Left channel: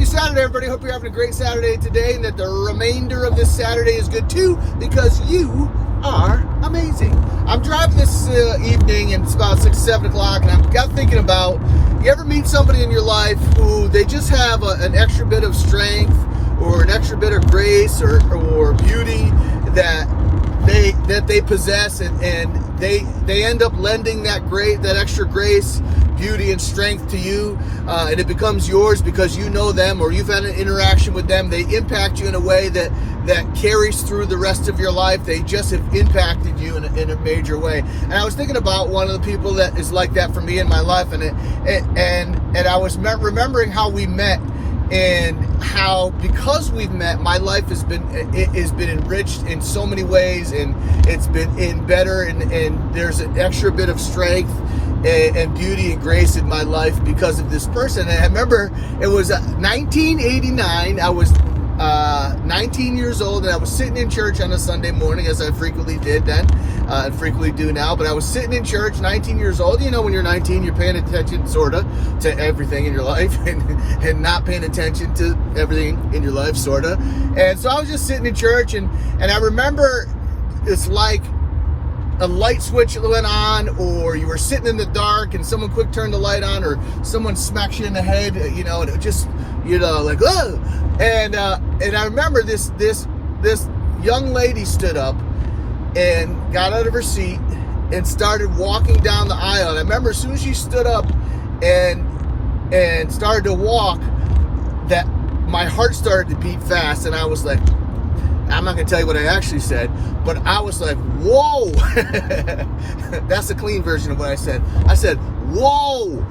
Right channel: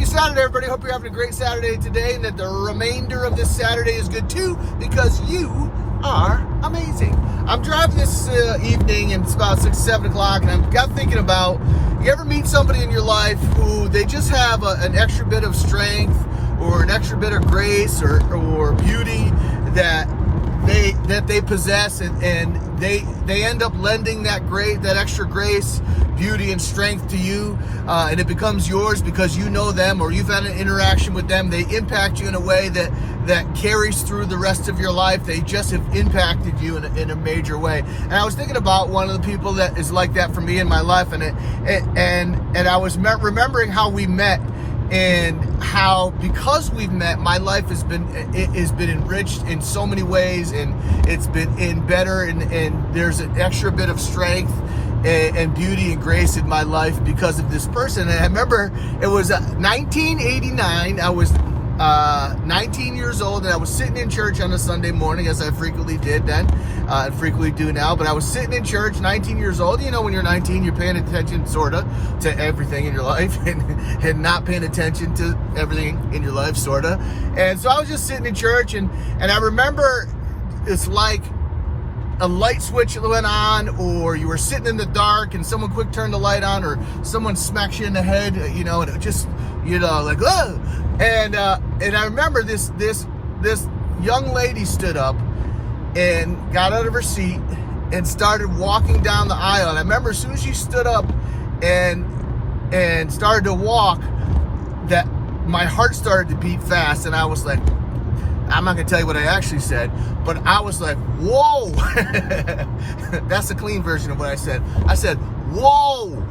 Happy Saturday, everybody. Hope you're having a great Saturday today and that the remainder of this Saturday is good too, because you are amazing. I'm driving this evening and it's about 6, 7 o'clock, and I got thinking about, you ever meet somebody in your life who they just have an extra bit of strength or an extra bit of grace or beauty that they possess, and they end up lending that extra grace, beauty, and strength to you, and it becomes yours because you know them or you've had an interaction with them. They impact you in a way that carries through the rest of your life. They just have impacted you in a major way. And I was thinking about one of the people that is like that for me in my life, and I was remembering how we met, and how because we've met, my life has been enriched in so many ways, and it's been better, and there's an extra bit of strength and beauty and grace in my life because of this person. And I remember it was 1989. I was 19 years old, and I was sitting in church on a Sunday morning, as I frequently did then, and frequently do now. But I was sitting in church, 19 years old. You know, when you're 19, you're paying attention sort of to everything in your life, and not paying attention to everything in your life sort of. And so I was just sitting in church, and I remember it's like a light switch went on, or you were sitting in the dark and someone quick turned the light on, or someone smacks you in the head, you know, and it just, you know, like, oh. And I remember this young lady stood up and got out of her seat and started walking down the aisle. And I remember as soon as she stood up and started to walk, that my heart started to beat fast, and I was like, I'm not gonna tell you what I actually said, but I was like, whoa. That's the clean version of what I said. I said, whoa.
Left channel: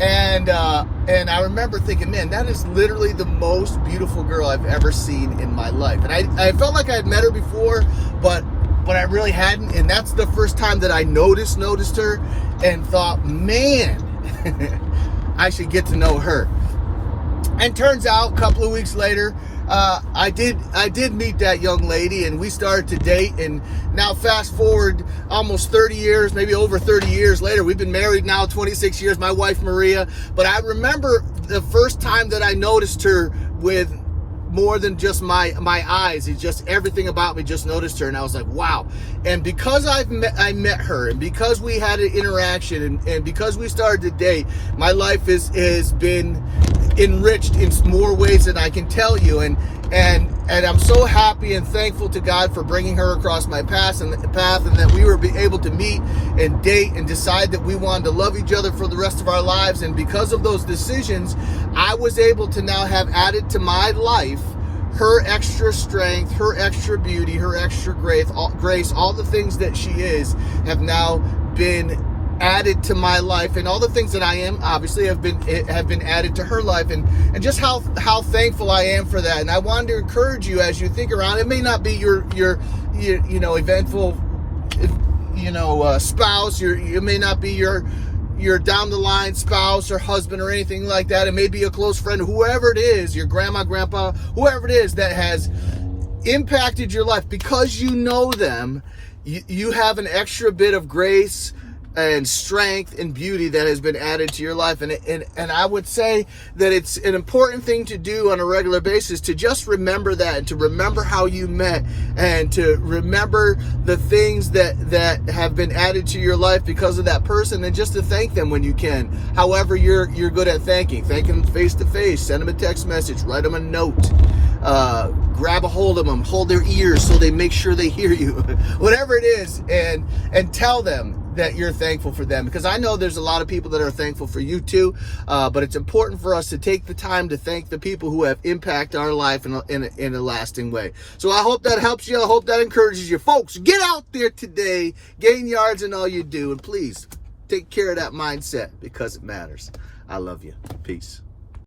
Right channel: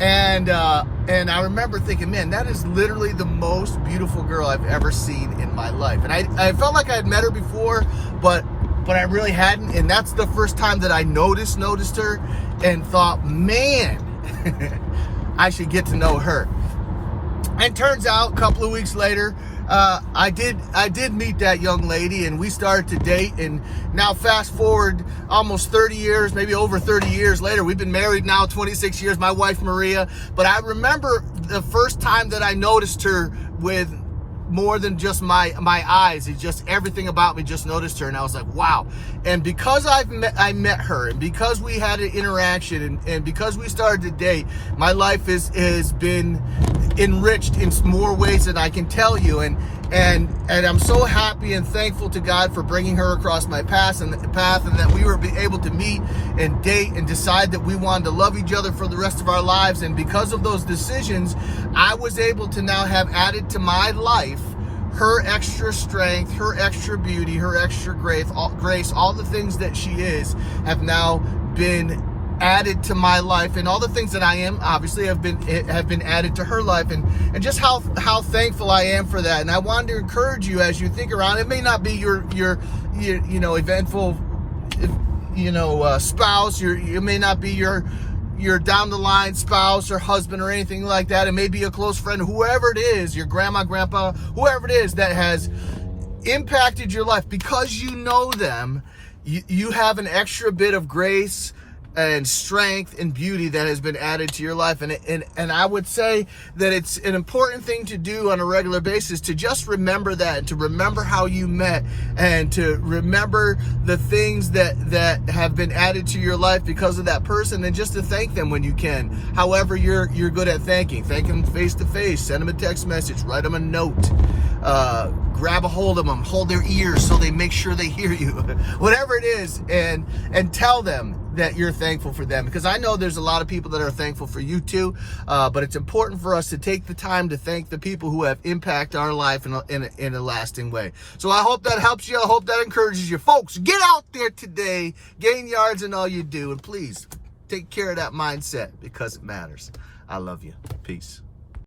And I remember thinking, man, that is literally the most beautiful girl I've ever seen in my life. And I felt like I had met her before, but I really hadn't. And that's the first time that I noticed her and thought, man, I should get to know her. And turns out a couple of weeks later, I did meet that young lady, and we started to date. And now fast forward almost 30 years, maybe over 30 years later, we've been married now 26 years, my wife Maria. But I remember the first time that I noticed her with more than just my eyes. It's just everything about me just noticed her, and I was like, wow. And because I met her, and because we had an interaction, and because we started to date, my life has been enriched in more ways than I can tell you. And I'm so happy and thankful to God for bringing her across my path, and that we were able to meet and date and decide that we wanted to love each other for the rest of our lives. And because of those decisions, I was able to now have added to my life her extra strength, her extra beauty, her extra grace, all the things that she is have now been added to my life, and all the things that I am obviously have been added to her life, and just how thankful I am for that. And I wanted to encourage you as you think around. It may not be your you know, eventful, you know, spouse. It may not be your down the line spouse or husband or anything like that. It may be a close friend, whoever it is, your grandma, grandpa, whoever it is that has impacted your life. Because you know them, you have an extra bit of grace and strength and beauty that has been added to your life. And I would say that it's an important thing to do on a regular basis, to just remember that, and to remember how you met, and to remember the things that have been added to your life because of that person, and just to thank them when you can. However you're good at thanking. Thank them face to face, send them a text message, write them a note, grab a hold of them, hold their ears so they make sure they hear you, whatever it is, and tell them that you're thankful for them, because I know there's a lot of people that are thankful for you too. But it's important for us to take the time to thank the people who have impacted our life in a lasting way. So I hope that helps you. I hope that encourages you. Folks, get out there today, gain yards in all you do, and please take care of that mindset, because it matters. I love you. Peace.